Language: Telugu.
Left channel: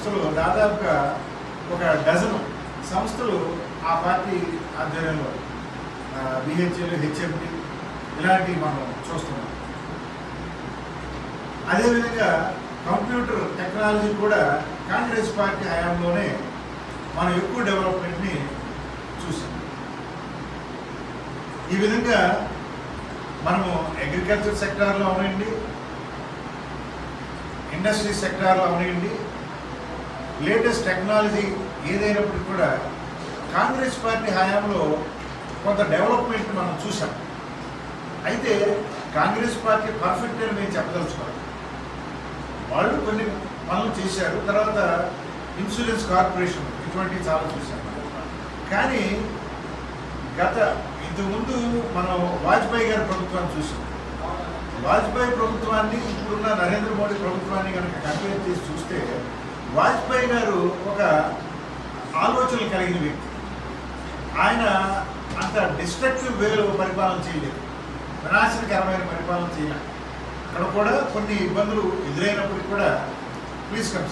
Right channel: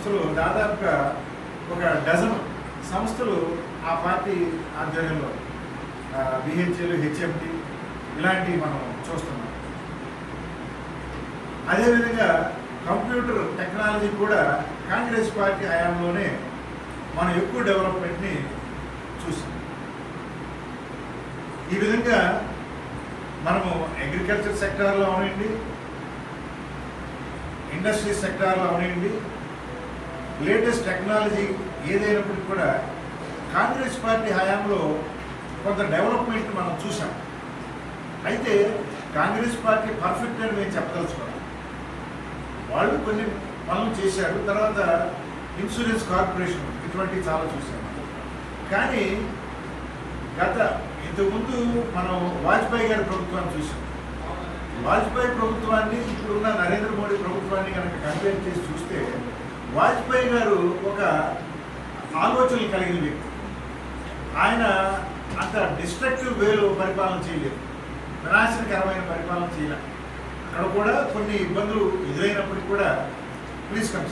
సంస్థలు దాదాపుగా ఒక డజను సంస్థలు ఆ పార్టీ ఆధ్వర్యంలో బిహెచ్ఎల్, హెచ్ఎండి ఇలాంటివి మనం చూస్తున్నాం. అదేవిధంగా కంప్యూటర్ టెక్నాలజీ కూడా కాంగ్రెస్ పార్టీ హయాంలోనే మనం ఎక్కువ డెవలప్మెంట్ని చూసాం. ఈ విధంగా మనము అగ్రికల్చర్ సెక్టార్లో అవనండి, ఇండస్ట్రీ సెక్టార్లో అవనండి, లేటెస్ట్ టెక్నాలజీ ఏదైనప్పటికీ కూడా కాంగ్రెస్ పార్టీ హయాంలో కొంత డెవలప్మెంట్ మనం చూసాం. అయితే కాంగ్రెస్ పార్టీ పర్ఫెక్ట్ అని మేము చెప్పదలుచుకోవాలి. వాళ్ళు కొన్ని పనులు చేశారు. తర్వాత ఇన్సూరెన్స్ కార్పొరేషన్ ఇటువంటివి చాలా చూసాం. కానీ ఇంతకుముందు మనం వాజ్పేయి గారి ప్రభుత్వాన్ని చూసాం. వాజ్పేయి ప్రభుత్వాన్ని ఇప్పుడున్న నరేంద్ర మోడీ ప్రభుత్వాన్ని కనుక కంపేర్ చేసి చూస్తే వాజ్పేయి గారు ఒక ఆలోచనలు కలిగిన వ్యక్తి. ఆయన అంత డిస్ట్రక్టివ్ వేలో పరిపాలన చేయలేదు, వినాశనకరమైన పరిపాలన చేయలేదు. అక్కడ కూడా కొన్ని ఇబ్బందులు ఎదురైనప్పటికీ కూడా ప్లీజ్ కమ్